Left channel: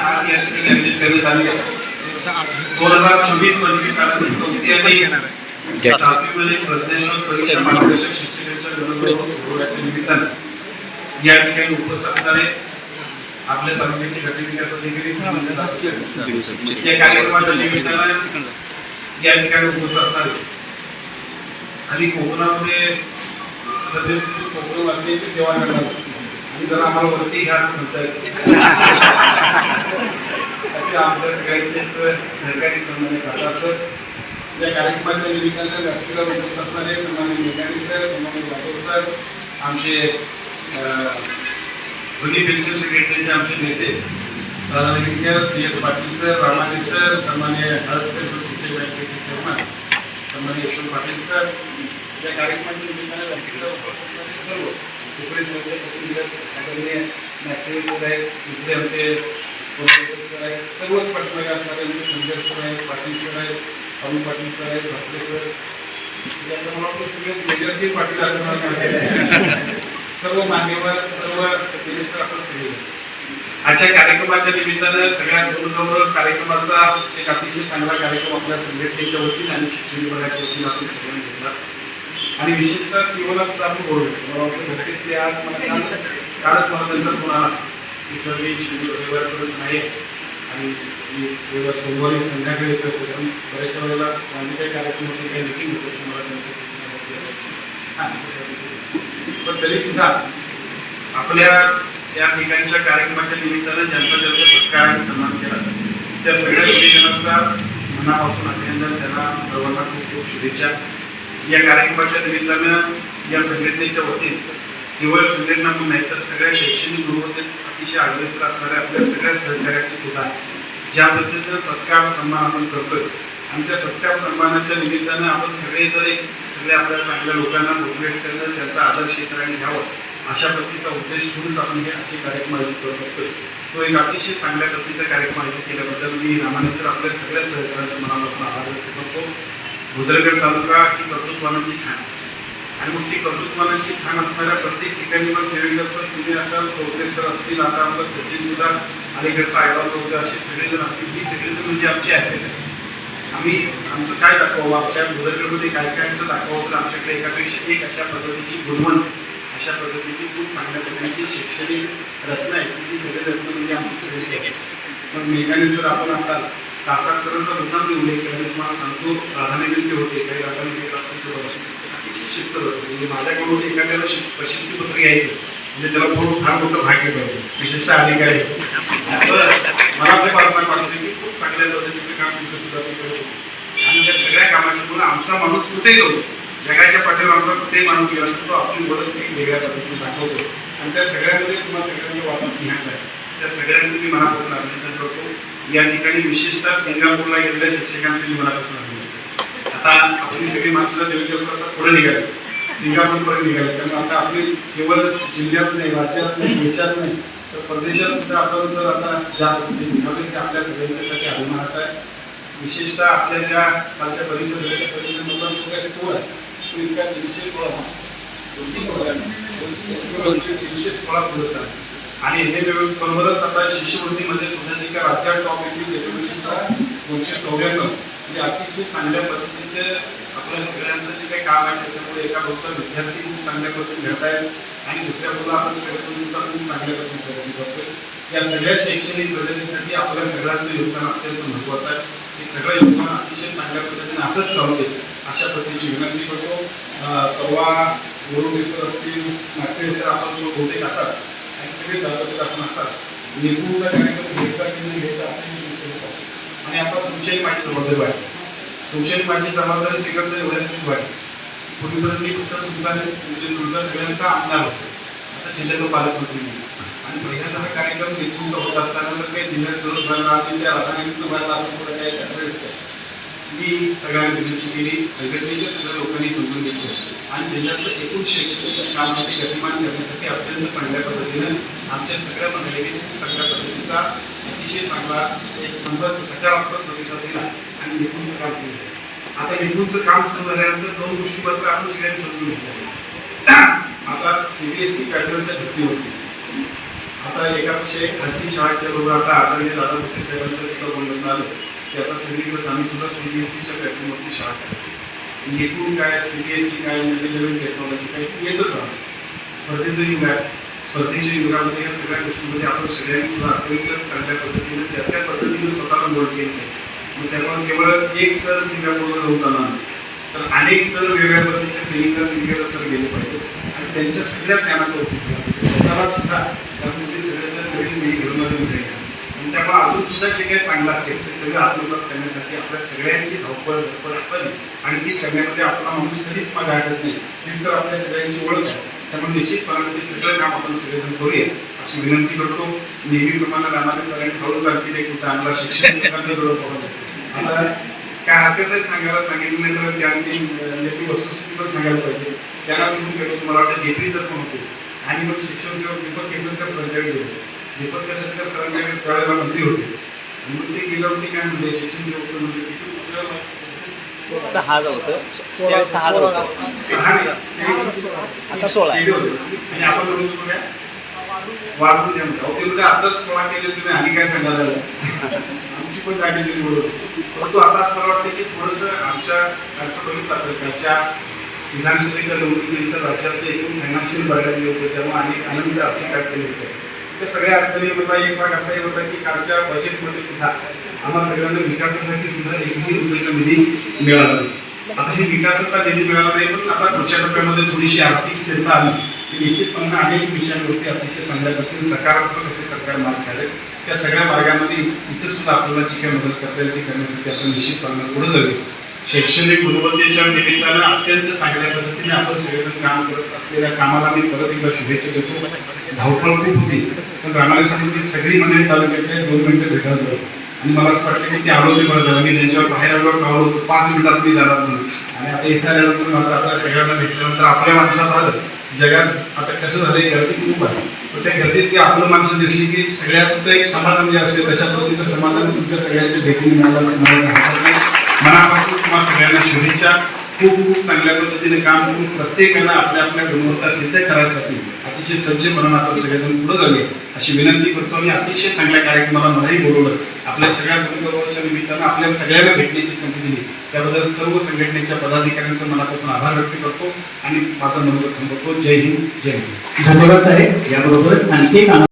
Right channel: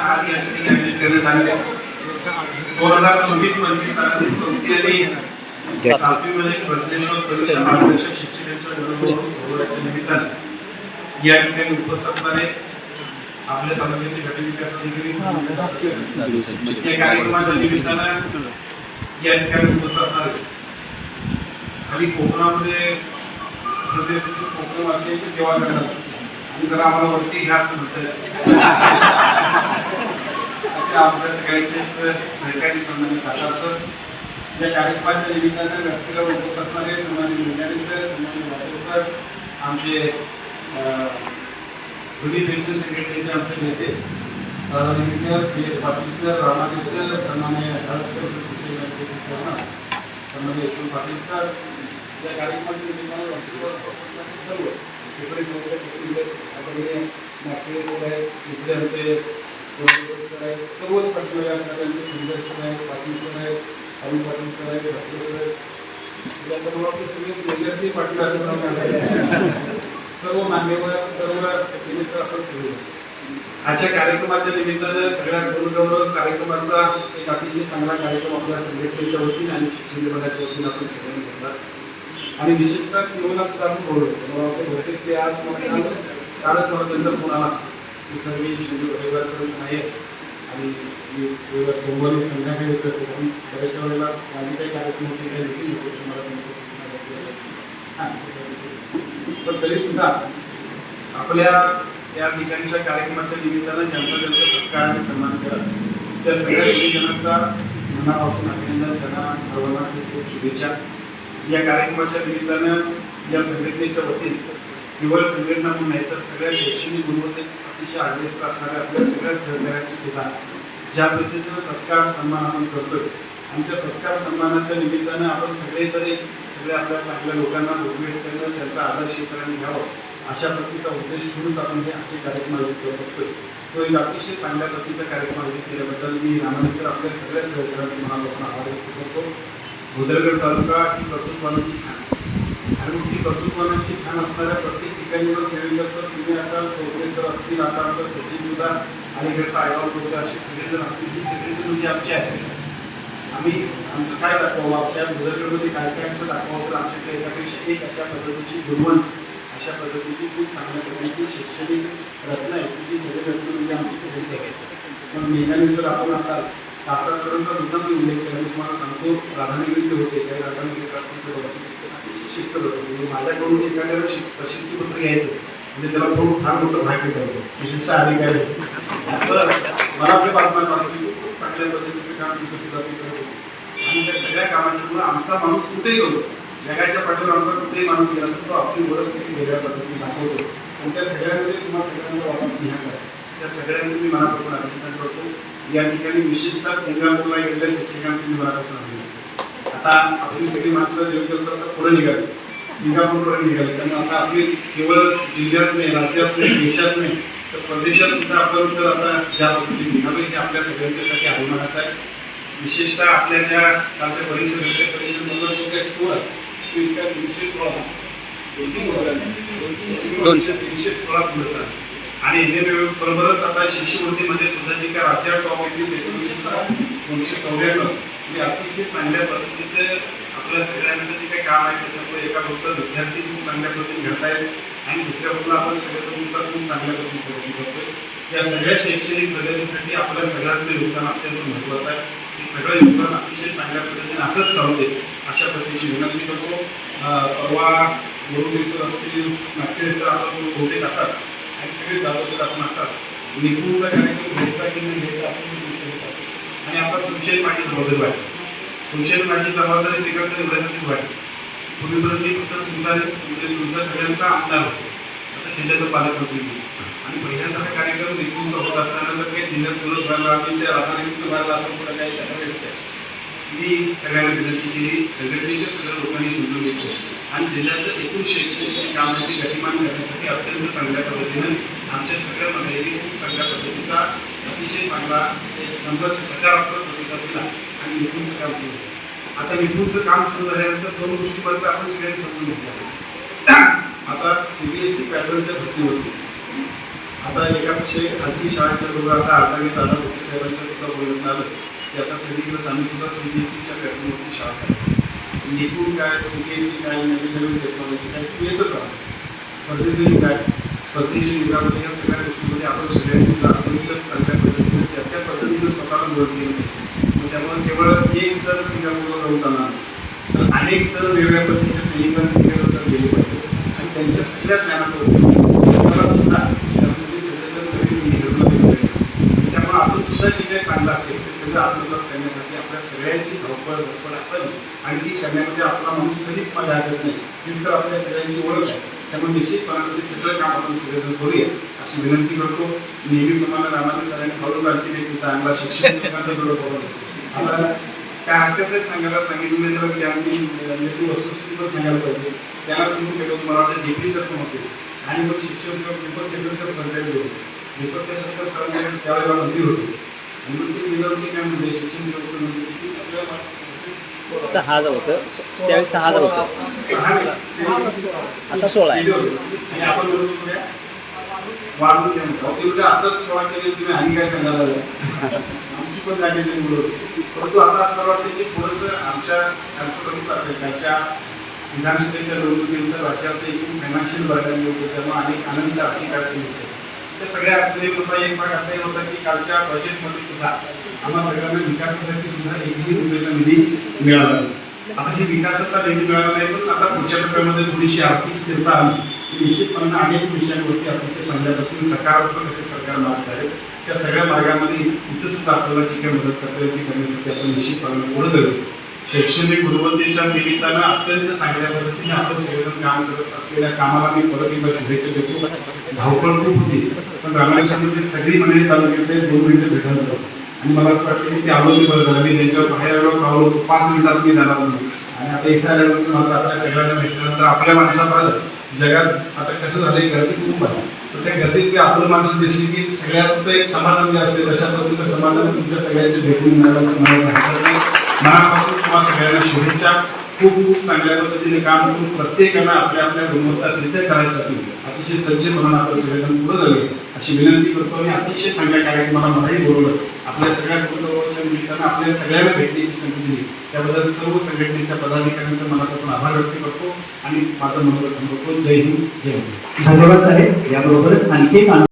आज या ठिकाणी आयोजित करण्यात दोन हजार चोवीस पंचवीस चौथी आणि सातवीमध्ये परीक्षा मार्गदर्शक शिक्षकांच्या गणगौरवाच्या निमित्ताने या ठिकाणी उपस्थित असणारे. आपल्या तालुक्याचे गट विकास अधिकारी या कार्यक्रमाच्या निमित्तानं या ठिकाणी उपस्थित असणारे आणि कोकणामध्ये सध्या कोकण वाचण्याची सेवा करणार जरा आम्हाला वरती घ्या असं म्हणतात आमच्या सगळ्यांचे सरकारी सन्मान्य खासदार या कार्यक्रमाच्या निमित्तानं व्यासपीठावर उपस्थित असणारे सन्मानित मेघाणी सर सन्मानित वाटोर सर आमचे दोन्ही पेन्शन सेक्रेटरीचे आमचे नेते राधाविद्य P S Patil sir Ramaji sir सन्मान्य हळदकर सर शिक्षक बँकेचे चेअरमन सन्मान्य यशवंत पाटील सर या कार्यक्रमाच्या निमित्तानं व्यासपीठावर उपस्थित असणारे सर्व सुप्रीम आदरणीय नागपूर सर आहेत दुसरे आमचे सर आहेत. सर्वच पाठीमागे असणारे आमचे संजय सर आहेत पाटील सर आहेत अरुण पाटील सर आहेत भाटले सर याच्या मला वाटतं सगळे मेजरजी पाटील असणार सर्व मान्यवर सर्व केले आपण सगळे. आजच्या कार्यक्रमाच्या निमित्तानं सगळ्या गुरुगौरव कार्यक्रमाचा एक अतिशय चांगला कार्यक्रम आपल्या संघटनेच्या वतीने आणि शिक्षण विभागाच्या वतीने आपण सगळ्यांनी घेतला. आणि विशेषतः सीओला सुद्धा आम्ही बोलवलं बहुतेक ते आज म्हणजे मला कालच मला त्यांचा फोन आला की सर मी शेड्यूल रविवारपर्यंत नाही आणि मी रविवार सोमवारी संध्याकाळी येतो. कारण बऱ्याचशा वेळेला माझी काही कार्यक्रम होती काही मिटिंग होते. मला त्यांचं पण तरी सुद्धा आपल्या या ठिकाणच्या कार्यक्रमाच्या निमित्तानं ज्यांचा ज्यांचा सत्कार आणि सन्मान केला त्या सगळ्या विषयजनांचा मनापासून अभिनंदन त्यांना सर्वांना खूप खूप शुभेच्छा. या कार्यक्रमाच्या निमित्तानं या संघटनेच्या वतीने केवळ संघटना म्हणून नाही तर सगळ्या शैक्षणिक गुणवत्तेत अतिशय अग्रेसर असणाऱ्या आपल्या सगळ्या सहकार्याची सुद्धा ज्या पद्धतीनं सत्कार सन्मान आपण करतोय आणि त्या सत्कार सन्मानाच्या निमित्तानं आपण सगळे जर एक सगळ्या आपल्या चांगल्या लोकांना मोटिवेट करणं त्यांचा आदर्श क्षेत्राने घ्यावं अशा पद्धतीचा उद्देश ठेवूनच आपण हे असे कार्यक्रम आयोजित करत असतो तो एक अतिशय चांगल्या पद्धतीचा कार्यक्रम आयोजित केल्याबद्दल मी रामानेश्वर आपल्या सगळ्या सहकार्यांचं मनापासून आभार व्यक्त करतो. भुदरगड तालुका ही कर्तृत्वानांची खाण आणि मग ती कर्तृत्वानांची खाण असणाऱ्या प्रत्येक ठिकाणी मग देवेंद्रचं तुम्ही असाल चौधरी सर असतील आता आमचं सचिन सुद्धा अलीकडचा आयवा चौधरी असे सगळेजण असतील ही सगळेजण म्हणजे आमची असेल आम्ही आमचं काय दाखवावं? आमच्या भुदरगडमध्ये काय काय दाखवावं तर आमच्याकडे एकापेक्षा एक अशा पद्धतीची गुणवंत अशा पद्धतीची खूप चांगल्या पद्धतीची शैक्षणिक रत्न आहेत ती सगळे रत्न म्हणजे आमची सगळी आहेत मग मेघाने जर आपण असाल तासात सरांचा मुद्दाम मी उल्लेख केला. मी तुम्हाला सांगतो राधानगरीचे होते. काही राधानगरी शिस्त म्हणजे माझ्याकडून एखाद्याला शिस्त प्रसिद्धीपत्र म्हणजे त्याला खूप फार मोठं भाग्य पाहिजे विशेषतः अधिकारी मला आपल्या बातम्या वाटते की खूप चांगल्या पद्धतीचं काम तुमचं आणि त्या सगळ्या कामाची मुलं आमचा माणूस कुठेही जाऊ जगाच्या पाठीवर आमचा कुठेही माणूस गेला तर तो आपली ओळख एक वेगळ्या पद्धतीने दाखवतो. आणि त्या सगळ्यामध्ये तुम्हाला सगळ्यांचा वापर सिंहाचा आहे. त्या सगळ्यांचं मी मनापासून अभिनंदन करतो. या ठिकाणी विशेषतः सिंगापूरला गेलेल्या शिक्षकांचं मी मनापासून अभिनंदन आता आपली सगळी माणसं देवेंद्र आता पुढे निघाली सिंगापूरपर्यंत निघाले त्यामुळे आता आपली केवळ जिल्ह्यात नाही राज्यात नाही देशात नाही तर परदेशात सुद्धा आपण सर आता ज्या पद्धतीने निघालो हे आपल्या सगळ्यांच्यासाठी अभिमानाचं आहे. विशेषतः आपल्या ज्या कालच्या परिषदेच्या परिषदेबद्दल जो काही स्कोर आहे. तो इतका तीनशे सोळा दोन-तीन दोनशे तीनशे सोळा पुढे आणि एन बरोबरच आता शिष्यवृत्तीमध्ये सुद्धा जे काही राज्यात टॉप येतील त्याच्यामध्ये दोनशे चौऱ्याण्णव म्हणजे अतिशय चांगल्या पद्धतीचे आपल्या सगळ्यांचं जे काही काम आहे त्याच्यामुळे एका फक्त विद्यार्थी खूप चांगल्या पद्धतीने घडत आहेत आणि दुसऱ्या बाजूला आपण सगळ्या खूप चांगल्या पद्धतीने प्रगती करतोय या सगळ्या शैक्षणिक प्रगतीसाठी आपल्या सगळ्यांचं योगदान अत्यंत महत्त्वाचं आहे. हे सगळं योगदान अतिशय चांगल्या पद्धतीने असंच चालू दे अशा पद्धतीची विनंती करतो. परवा गुरुदेव सर असतील नागपूर सर आपण बहुतेक असतात आणि सगळे जाधव आपण असाल निघूनचा कार्यक्रम घ्यायचा की नाही घ्यायचा आणि आता तुमच्याही माझी जबाबदारी वाटते तुमच्याही माझी जबाबदारी शिकायचं एवढ्यासाठीच वाटते पूर्वीपर्यंत मी फक्त तुमचा म्हणजे तुमचा सगळ्यांचा आमदार होतो. आता जिल्ह्याचा पालकमंत्री मी. आणि पहिल्यांदा हा कार्यक्रम निघूनचा होत असताना तर काही जिल्ह्यात विरोध व्हायला आणि त्या राधानगरीतून व्हायला असं पुढे काही करायचं मी सगळ्यांना विनंती केली संघटनेच्या सगळ्या लोकांनी समजून घेतलं. आणि जिल्ह्यातलं एकूण शैक्षणिक काम आहे ते गतिमान करण्यासाठी अत्यंत चांगल्या पद्धतीनं आमच्या सगळ्या मंडळींनी खूप चांगल्या पद्धतीचा अतिशय चांगला एक संबंध सकारात्मक प्रतिसाद दिला आणि निपुणचं काम केलं. आता निपुणचं काम सुरू झाल्यानंतर दोन गोष्टी मात्र आपण सगळ्यांनी समजून घेतल्या. आता सीबीएसई पॅटर्नच्या भरतीवरती. आता एकापेक्षा एक खाजगी शाळेच्या बरोबर आता आदरणीय दादा भुसे साहेबांच्या सुद्धा बोलण्यात आलं की आता सगळीकडे आम्ही सुद्धा सी बी एस पॅटर्नवरती शाळा एकूण काय सी बी एस सी काय नवीन नवीन टेक्नॉलॉजी काय येतच राहणार स्पर्धेचं युग आहे स्पर्धेच्या युगामध्ये या सगळ्या गोष्टीमध्ये आपण सगळ्यांनी सुद्धा अत्यंत चांगल्या पद्धतीने त्या त्या पद्धतीने स्वतःला मोड केली पाहिजे. मग त्यामुळे केवळ एक सर सिंगापूरला जाऊन चालणार तर अनेक सर वेगवेगळ्या पद्धतीच्या ट्रेनिंगला सिंगापूर सर गेले पाहिजे आणि त्यांच्या सगळ्या ज्ञानाचा उपयोग. त्याला सुद्धा त्यामध्ये सगळे जर नवीन पिढी घडून आलेली नाही आणि त्यामुळे अजून सुद्धा जे काही चांगलं असेल ते सगळं आत्मसात करण्यासाठी आपल्या सगळ्यांची धावपळ धडपड असावी आणि ती करण्यामध्ये आपला माणूस कधीच मागे आढळत नाही. तीच तर आपल्या सगळ्यांची ओळख आहे. त्यामुळे निश्चितपणाने ते सगळं काम आपण सगळेजण करूया. अशी विनंती करतो. नेहमीप्रमाणे रामाने सरांनी हळूच आणखी एक चांगला शिक्षण आता काय हरकत नाही सांगायला सांगितलं नाही तर त्यांनी आणखी वस्तुस्थिती पण सांगायला पाहिजे. त्यांना तुम्ही गेलो मला वाटतं जेपी सर पण होते. आणि मग शिक्षण सेवक दीपक केसरकर सरकारी होते. दीपक केसरकर सरकारी त्यावेळेला मंत्री होते. आणि मग ते गेल्यावरती काय म्हणजे शिक्षण म्हणजे आपल्याला सहा हजार होतं सहा हजार होतं सहा नाही, ते- आता सोळा आहे. केले होते. आणि आपण म्हणत होतो काय वाढवून द्या म्हणतो. अहो, ते म्हणजे आताच सोळा केले तुम्ही आणि काय सांगायला लागला? आमची पण गाडी बरोबर परंतु आता असं मला वाटतं की थोडंसं आमच्या खालचं बघितलं असेल त्याच्या विधानसभेच्या निवडणुकीनंतर राज्याचे एकूण धनाशील बघायला होते तेव्हा अनेक आनंद आर्थिक अडचणी होते त्या सगळ्या अडचणींमधला एक भाग असाही होता की कालच्या बजेटमध्ये सुद्धा आम्हा सगळ्यांना विकासासाठी सुद्धा एकही रुपयाचा निधी मिळाला नाही. आता हे विकासाचा निधी मिळाला नाही पण आता पुढच्या टप्प्यामध्ये थोडीशी आर्थिक स्थिरता आली. की निश्चितपणे अनेक विषयांवरती अतिशय चांगल्या पद्धतीने सकारात्मक असे सरकार मार्ग काढेल. त्या सगळ्या मार्गामध्ये इथे सुद्धा आपल्याला जी काही मदत करता येईल ती करण्यासाठी आपण निश्चितपणे पुढे जाऊ शैक्षणिक गुणवत्तेच्या निमित्तानं अत्यंत चांगल्या पद्धतीने आपण सगळेजण काम करत असलेल्या कामाला मी परत एकदा शुभेच्छा देतो. धावपळ खूप होती पण रामायण संबंधित सगळी मंडळी तालुक्यातले दोन मिनिटं भेटायला जाऊ आणि मला असं वाटतं की ते आलो ते बरं झालं. मी त्यांच्यावर बाहेर आलो कावलो होतो पाच मिनिटात मी जाणार म्हणून आणि आता इथं आल्यानंतर मात्र आपल्या सगळ्यांना भेटल्यानंतर आपल्या माणसात आलं. जगात आता कसं झालं गर्दी खूप आहे. पण त्या गर्दीत की आपलं माणसं दिसली की सगळ्यात एक समाधान जे असते तशा पद्धतीचं समाधान तुमच्या सगळ्यांच्या भेटून मिळालं मला मनापासून तुम्हाला सगळ्यांना शुभेच्छा. खूप खूप चांगल्या पद्धतीने काम करून प्रत्येकानं आपल्या आपल्या गुणवत्ता सिद्ध करायसाठी अतिशय सज्जपणानं आपण सगळेजण पुढे जावे अशी विनंती करतो आणि अतिशय चांगल्या कार्यक्रमाला मलाही बोलवलं. आपल्या सगळ्या गुणगौरवाच्या निमित्तानं आपल्या सगळ्यांना भेटण्याची संधी दिली. त्याबद्दल सर्व संघटनेच्या पदाधिकाऱ्यांचा मनापासून आभार व्यक्त करतो आणि माझं मनोगत थांबवतो. जय हिंद जय हिंद धन्यवाद साहेब. याबरोबरच आणखी